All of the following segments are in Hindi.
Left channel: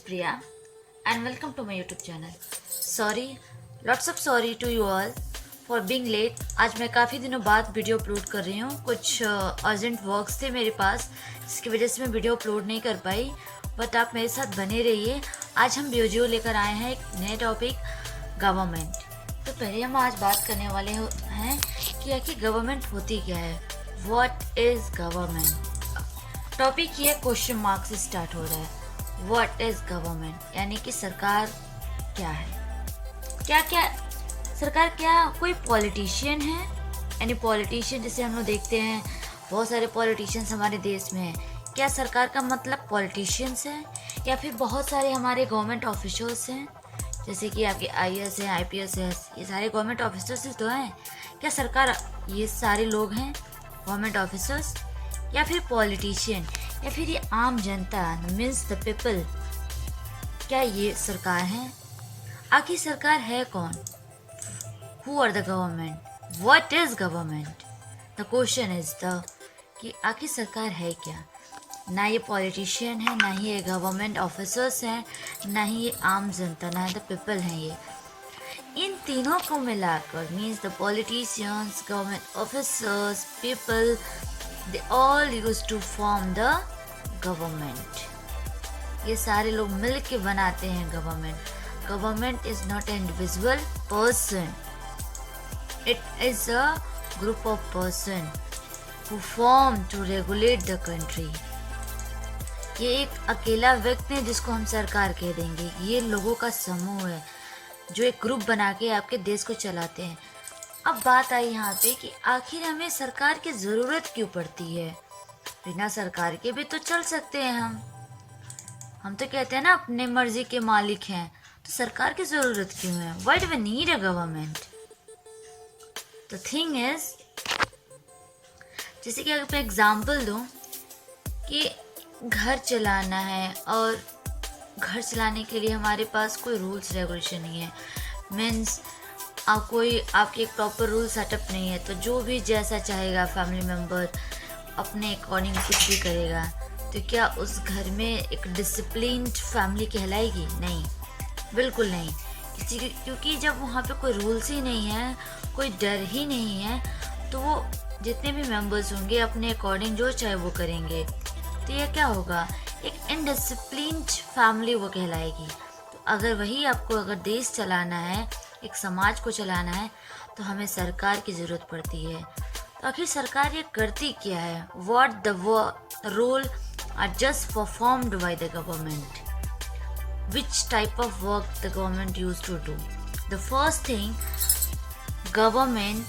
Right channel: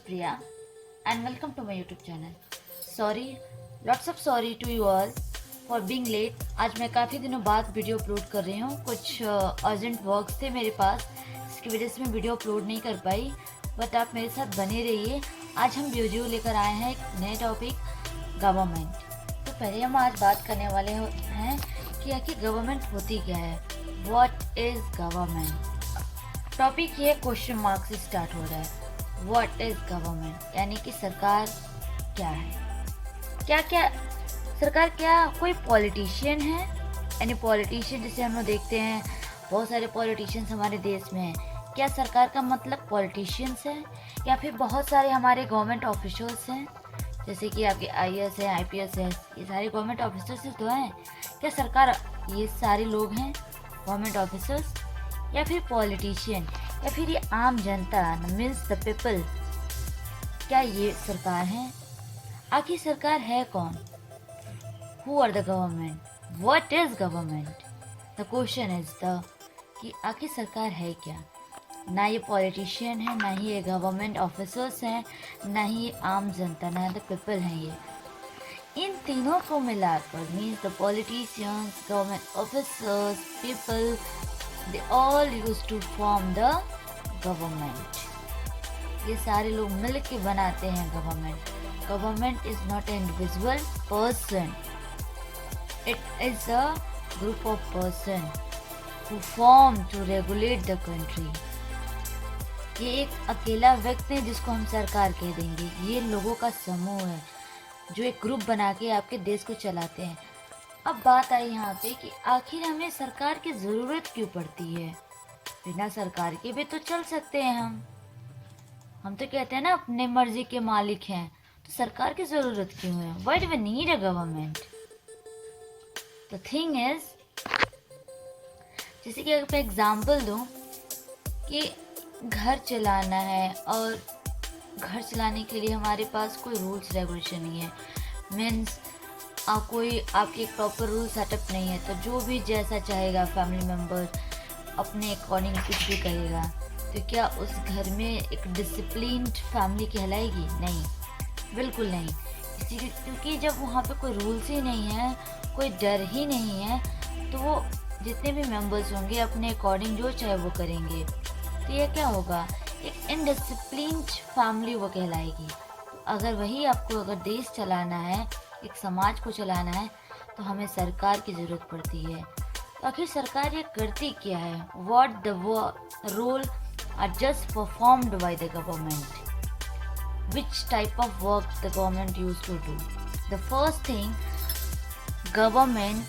Priya and welcome to my YouTube channel. Lots of sorry to you all for being late. आज मैं काफ़ी दिनों बाद वीडियो अपलोड कर रही हूँ. कुछ अर्जेंट वर्क्स थे मेरे पास जिसकी वजह से मैं वीडियो अपलोड नहीं कर पाई, बट आप मेरे साथ बने रहिए. आज हम वीडियो लेकर आए हैं एक नए टॉपिक, गवर्नमेंट. तो पहले हम आज बात करने वाले हैं कि आखिर गवर्नमेंट होती क्या है. What is government. टॉपिक ये क्वेश्चन मार्क से स्टार्ट हो रहा है. व्हाट इज़ गवर्नमेंट यानी कि सरकार क्या है. क्या सरकार क्या कोई पॉलिटिशियन है. यानी पॉलिटिशियन जैसे हम लोग देखते हैं बहुत सारे पॉलिटिशियंस हमारे देश में हैं. क्या सरकार का मतलब पॉलिटिशियंस है या फिर बहुत सारे हमारे गवर्नमेंट ऑफिशियल्स हैं जैसे कि आपके IAS है, IPS है, ये सारे गवर्नमेंट ऑफिसर्स ही तो हैं. क्या सरकार ये सारे लोग हैं गवर्नमेंट ऑफिसर्स या फिर पॉलिटिशियन या फिर ये आम जनता मीन्स द पीपल. क्या ये सरकार है. आखिर सरकार है कौन. Who are the government. What is government. The question is the कि आखिर सरकार है क्या. ना ये पॉलिटिशियन है, ना ही ये गवर्नमेंट ऑफिसर्स हैं, ना ही ये आम जनता, ना द पीपल हैं. ये इन तीनों को मिलाकर means the politicians, government officers, people, they all used to form the government. ये सारे लोग मिल के बनाते हैं government. Government is not an individual person, it is a group of person who form to regulate the country. ये एक अकेला व्यक्ति है जिसको हम सरकार कह देंगे. ये लोगों का समूह है जो एक ग्रुप बना के आपके देश को चलाते हैं. अब बात आई यहाँ पे कि आखिर हमें सरकार की ज़रूरत क्यों पड़ती है. बिना सरकार के भी तो चल सकते हैं हम तो कहते हैं ना अपने मर्जी के मालिक हैं. तो सरकार की ज़रूरत क्यों है. Why do we need a government. The thing is जैसे कि अगर मैं एग्जांपल दूँ कि घर चलाना है और घर चलाने के लिए हमारे पास कोई रूल्स रेगुलेशन नहीं है. मीन्स कोई आपकी एक प्रॉपर रूल सेटअप नहीं है, तो जो भी जैसा चाहेगा फैमिली मेम्बर अपने अकॉर्डिंग कुछ भी करेगा. तो क्या उस घर में एक डिसिप्लिन्ड फैमिली कहलाएगी. नहीं, बिल्कुल नहीं. क्योंकि जब वहाँ पे कोई रूल्स ही नहीं है, कोई डर ही नहीं है, तो वो जितने भी मेंबर्स होंगे अपने अकॉर्डिंग जो चाहे वो करेंगे. तो यह क्या होगा, एक इनडिसिप्लिन्ड फैमिली वो कहलाएगी. तो अगर वही आपको अगर देश चलाना है, एक समाज को चलाना है, तो हमें सरकार की ज़रूरत पड़ती है. तो आखिर सरकार ये करती क्या है. What the role are just performed by the government. Which type of work the government use to do. The first thing, government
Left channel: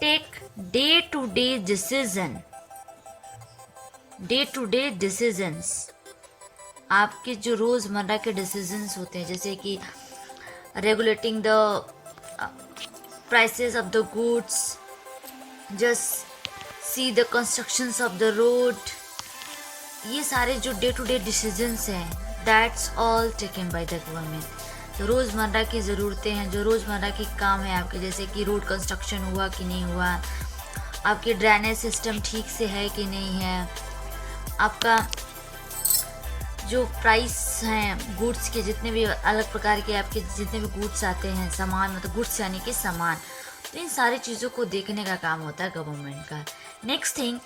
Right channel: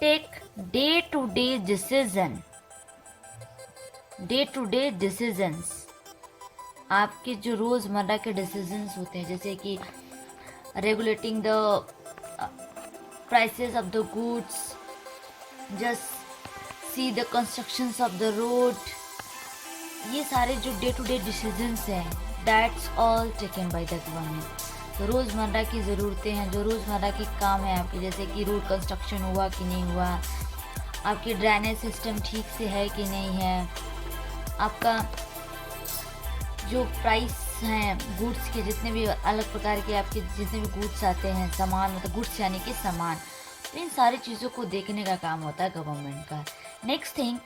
take day to day decisions. आपके जो रोज़मर्रा के डिसीजंस होते हैं जैसे कि regulating the prices of the goods, just see the constructions of the road. ये सारे जो डे टू डे डिसीजंस हैं that's all taken by the government. तो रोज़मर्रा की ज़रूरतें हैं, जो रोज़मर्रा के काम है आपके, जैसे कि रोड कंस्ट्रक्शन हुआ कि नहीं हुआ, आपके ड्रेनेज सिस्टम ठीक से है कि नहीं है, आपका जो प्राइस हैं गुड्स के, जितने भी अलग प्रकार के आपके जितने भी गुड्स आते हैं, सामान मतलब गुड्स यानी कि सामान, तो इन सारी चीज़ों को देखने का काम होता है गवर्नमेंट का. Next thing,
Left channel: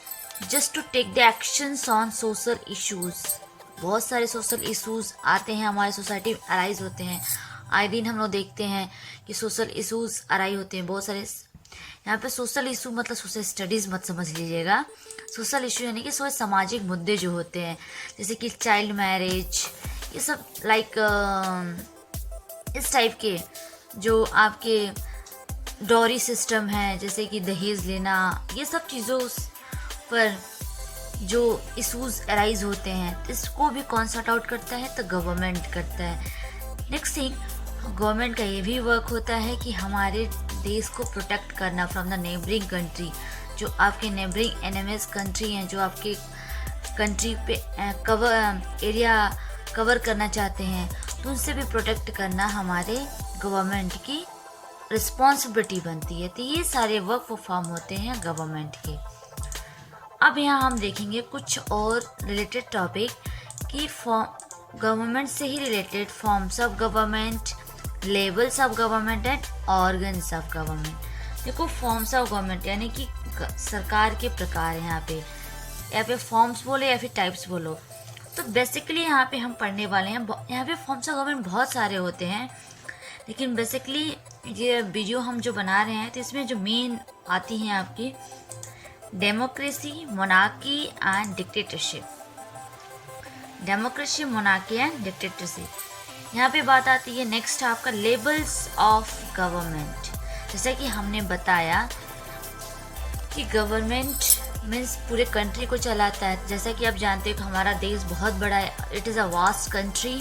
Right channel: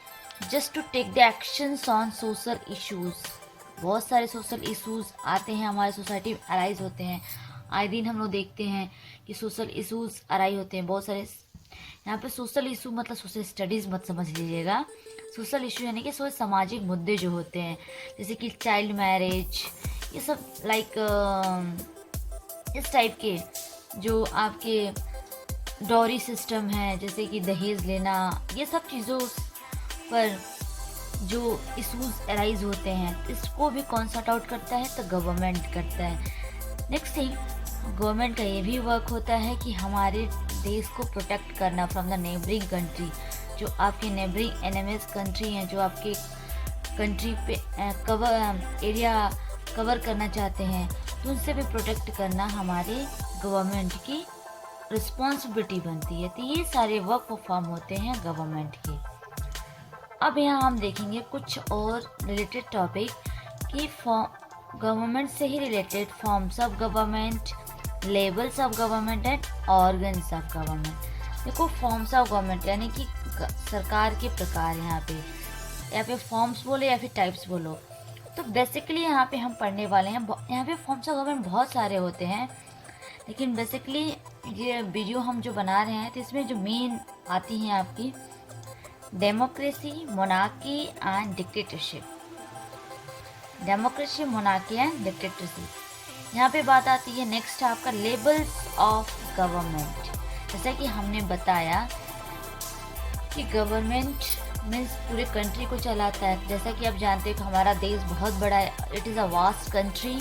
just to take the actions on social issues. बहुत सारे सोशल इश्यूज़ आते हैं हमारे सोसाइटी में, अराइज होते हैं. आए दिन हम लोग देखते हैं कि सोशल इश्यूज़ अराइज होते हैं बहुत सारे. यहाँ पे सोशल इशू मतलब सोशल स्टडीज़ मत समझ लीजिएगा. सोशल इशू यानी कि सामाजिक मुद्दे जो होते हैं जैसे कि चाइल्ड मैरिज, ये सब लाइक इस टाइप के जो आपके डॉरी सिस्टम है, जैसे कि दहेज लेना, ये सब चीज़ों पर जो इशूज़ अराइज होते हैं इसको भी कौन सॉर्ट आउट करता है, तो गवर्नमेंट करता है. नेक्स्ट थिंग, गवर्नमेंट का ये भी वर्क होता है कि हमारे देश को प्रोटेक्ट करना फ्रॉम द नेबरिंग कंट्री. जो आपके नेबरिंग एनिमीज कंट्री हैं, जो आपके कंट्री पे एरिया कवर करना चाहते हैं, तो उनसे भी प्रोटेक्ट करना हमारे गवर्नमेंट की रिस्पॉन्सिबिलिटी बनती है। तो ये सारे वर्क परफॉर्म होते हैं गवर्नमेंट के। अब यहाँ हम देखेंगे कुछ और रिलेटेड टॉपिक कि गवर्नमेंट से ही related forms of government, levels of government and organs of government. देखो फॉर्म्स ऑफ गवर्नमेंट यानी कि सरकार के प्रकार हैं। यहाँ पे फॉर्म्स बोले या फिर टाइप्स बोलो, तो बेसिकली यहाँ पे हम पढ़ने वाले हैं। यहाँ पे फॉर्म्स ऑफ गवर्नमेंट बहुत सारे होते हैं, लेकिन बेसिकली ये वीडियो हम जो बना रहे हैं तो इसमें जो मेन आती हैं आपकी democracy, monarchy and dictatorship. Democracy, monarchy and dictatorship. यहाँ पे बात आती है नेक्स्ट आपका लेवल्स ऑफ गवर्नमेंट। जैसा कि हमने बताया कि गवर्नमेंट मीन्स पूरे कंट्री को चलाता है। जैसा कि आप जानते हो कि हमारा देश बहुत बड़ा है, it is a vast country.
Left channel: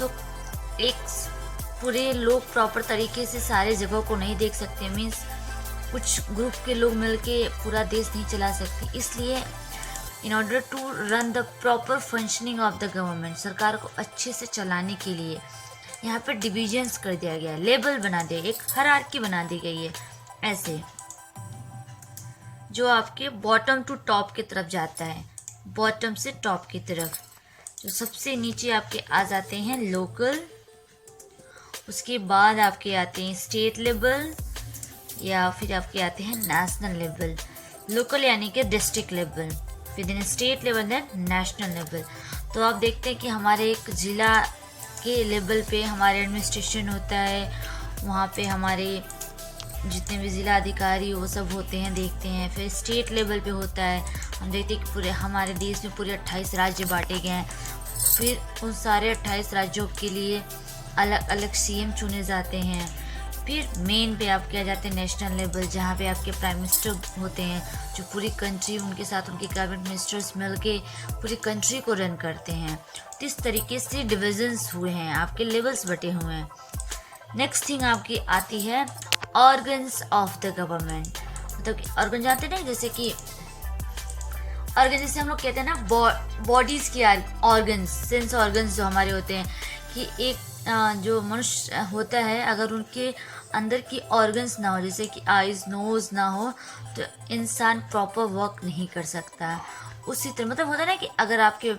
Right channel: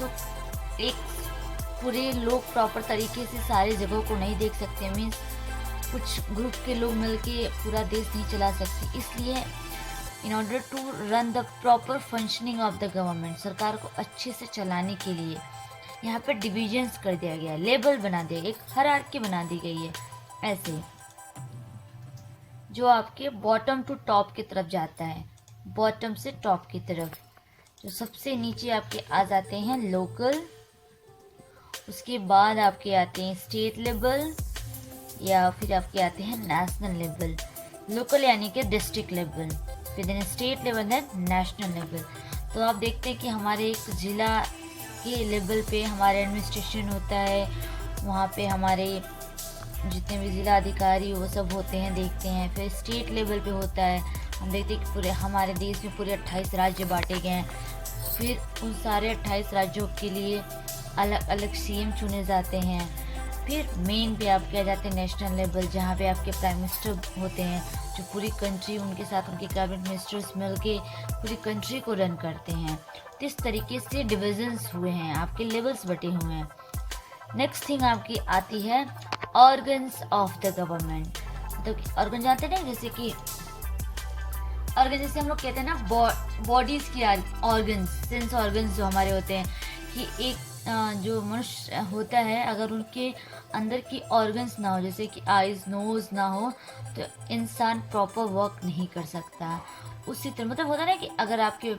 तो एक पूरे लोग प्रॉपर तरीके से सारे जगहों को नहीं देख सकते, मीन्स कुछ ग्रुप के लोग मिलके पूरा देश नहीं चला सकते। इसलिए in order to run the proper functioning of the government, सरकार को अच्छे से चलाने के लिए यहाँ पर डिविजन्स कर दिया गया, लेबल बना दिया, एक हायरार्की बना दी गई है ऐसे, जो आपके बॉटम टू टॉप की तरफ जाता है, बॉटम से टॉप की तरफ। तो सबसे नीचे आपके आ जाते हैं लोकल, उसके बाद आपके आते हैं स्टेट लेवल, या फिर आपके आते हैं नेशनल लेवल। लोकल यानी कि डिस्ट्रिक्ट लेवल, फिर then state level, then national level. तो आप देखते हैं कि हमारे एक ज़िला के लेवल पे हमारे एडमिनिस्ट्रेशन होता है, वहाँ पे हमारे जितने भी ज़िला अधिकारी वो सब होते हैं, देखते हैं। फिर स्टेट लेवल पे होता है, हम देखते हैं कि पूरे हमारे देश में पूरे 28 राज्य बांटे गए हैं। फिर उन सारे 28 राज्यों के लिए अलग अलग सीएम चुने जाते हैं। फिर मेन पे आपके आ जाते हैं नेशनल लेवल, जहाँ पे आपके प्राइम मिनिस्टर होते हैं, जो पूरी कंट्री, उनके साथ उनके कैबिनेट मिनिस्टर्स मिलके पूरी कंट्री को रन करते हैं। तो इस तरीके से डिविजन्स हुए हैं, आपके लेवल्स बटे हुए हैं। नेक्स्ट थिंग आपकी आती है ऑर्गन्स ऑफ द गवर्नमेंट। मतलब ऑर्गन जानते हैं ना, जैसे कि ऑर्गन जैसे हम लोग कहते हैं ना बॉडीज़ की ऑर्गन्स, सेंस ऑर्गन्स जो हमारे होते हैं, कि एक जो मनुष्य होता है अगर उनके अंदर की ऑर्गन्स ना हो, जैसे कि आइज़, नोज़ ना हो, तो इंसान प्रॉपर वर्क नहीं कर सकता। उसी तरह मतलब होता है ना कि अगर आपके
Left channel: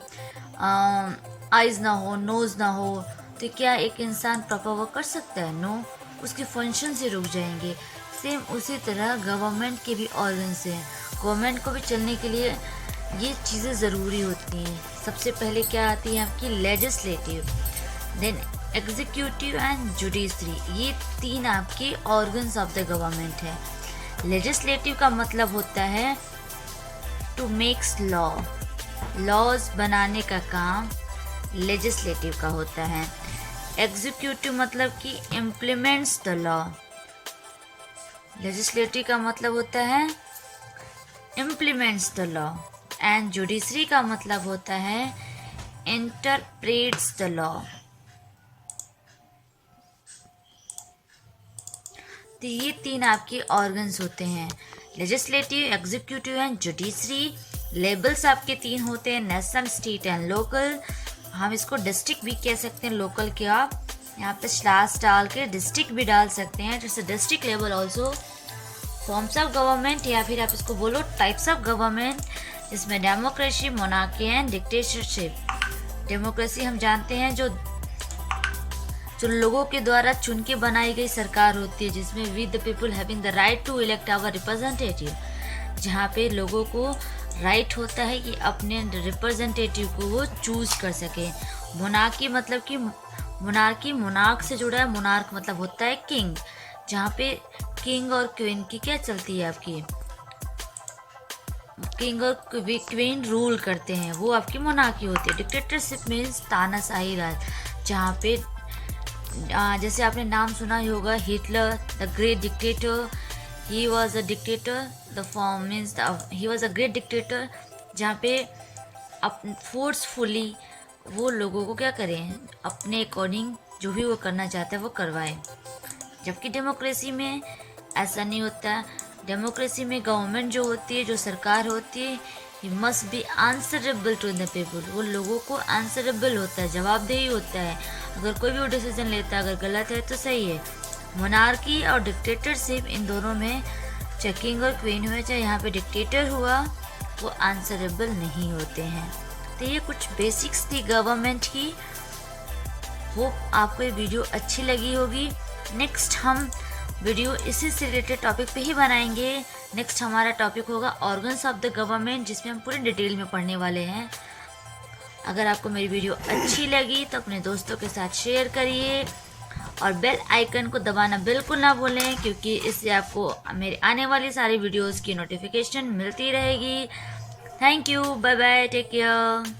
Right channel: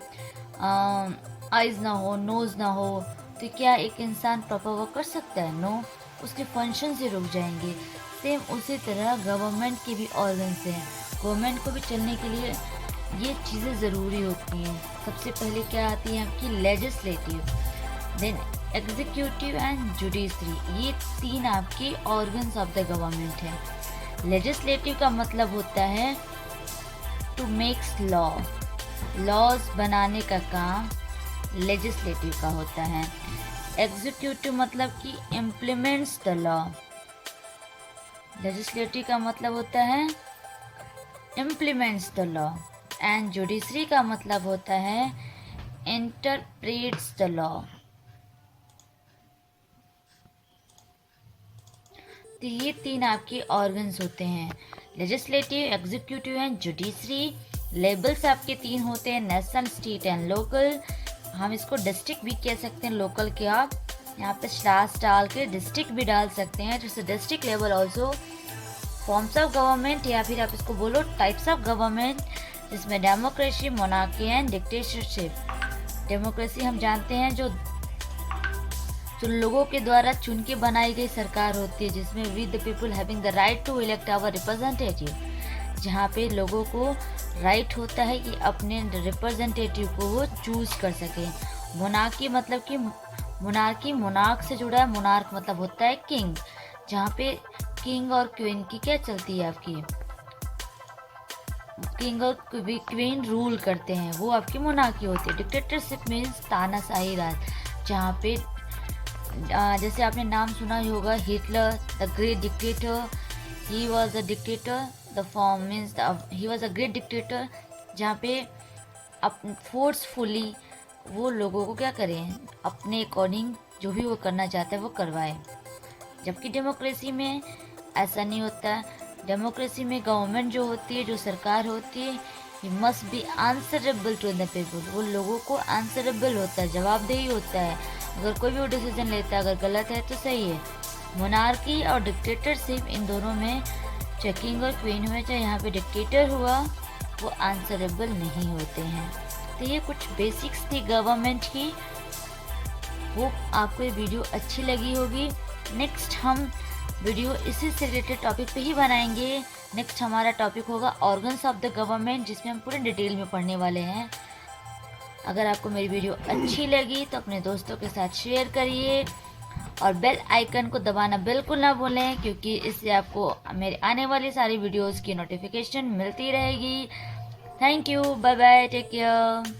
आइज़ ना हो, नोज़ ना हो, तो क्या एक इंसान प्रॉपर वर्क कर सकता है? नो, उसके फंक्शन से रुक जाएंगे। सेम उसी तरह गवर्नमेंट के भी ऑर्गन्स हैं। गवर्नमेंट को भी चलने के लिए ये चीज़ें ज़रूरी होती हैं। सबसे पहले क्या आती है आपकी legislative, then executive and judiciary. ये तीन आपके ऑर्गन्स ऑफ द गवर्नमेंट है। लेजिस्लेटिव का मतलब होता है टू मेक्स लॉ, लॉज बनाने का काम लेजिस्लेटिव का होता है। एग्जीक्यूटिव मतलब कि इम्प्लीमेंट्स द लॉ। लेजिस्लेटिव का मतलब होता है implements the law. And judiciary का मतलब होता है इंटरप्रेट्स द लॉ। तो ये तीन आपके ऑर्गन्स होते हैं, legislative, executive and judiciary. Labels आपके तीन होते हैं, नेशनल, स्टेट एंड लोकल। हम इसको डिस्ट्रिक्ट भी कह सकते हैं, लोकल के आप यहाँ पे स्लैश डाल के डिस्ट्रिक्ट भी डाल सकते हैं, जैसे district level also. Forms of government या फिर आप इसको बोलो टाइप्स ऑफ गवर्नमेंट, इसमें democracy, monarchy and dictatorship. Democracy हम जानते हैं जो लोगों के द्वारा चुन के बनाई गई सरकार होती है, जिसमें we the people having the right to elect our representative, जहाँ पे लोगों को राइट होता है कि अपने रिप्रेजेंटेटिव को वो चूज कर सके। मोनार्की मतलब कि मोनार्की मोनार्क से जुड़ा है, मोनार्क मतलब होता है किंग, जहाँ पे किंग और क्वीन की क्या चलती है आपकी, किंग और क्वीन रूल करते हैं, वो आपकी मोनार्की होती है। डिक्टेटरशिप मीन्स तानाशाही राज, जहाँ पे जैसे आपने नाम सुना ही होगा Hitler the great dictator, he was a dictator, the form means he was a great dictator, जहाँ पे फोर्सफुली वो लोगों को क्या करें, अपने अकॉर्डिंग जो भी वो करना चाहता है वो करवाए। जबकि डेमोक्रेसी में ऐसा नहीं होता। डेमोक्रेसी में गवर्नमेंट जो होती है, जो सरकार होती है, he must be answerable to the people, वो लोगों को आंसरेबल होता है, जवाबदेही होता है। अगर कोई भी डिसीजन लेता है अगर गलत है तो सही है। मोनार्की और डिक्टेटरशिप, इन दोनों में चाहे किंग और क्वीन हुए चाहे यहाँ पे डिक्टेटर हुआ, वो आंसरेबल नहीं होते हैं। तो ये कुछ बेसिक्स थी गवर्नमेंट की। होप आपको ये वीडियो अच्छी लगी होगी। नेक्स्ट हम वीडियो इसी से रिलेटेड टॉपिक पे ही बनाएंगे। नेक्स्ट हमारा टॉपिक होगा ऑर्गन्स ऑफ द गवर्नमेंट, जिसमें हम पूरे डिटेल में पढ़ने वाले हैं। अगर आपको मेरी वीडियो अच्छी लगी तो अपने दोस्तों के साथ शेयर करिए और बेल आइकन को दबाना बिल्कुल ना भूलें, क्योंकि इससे आपको मेरे आने वाली सारी वीडियोस की नोटिफिकेशन मिलती रहेगी। Thank you, bye bye, take care.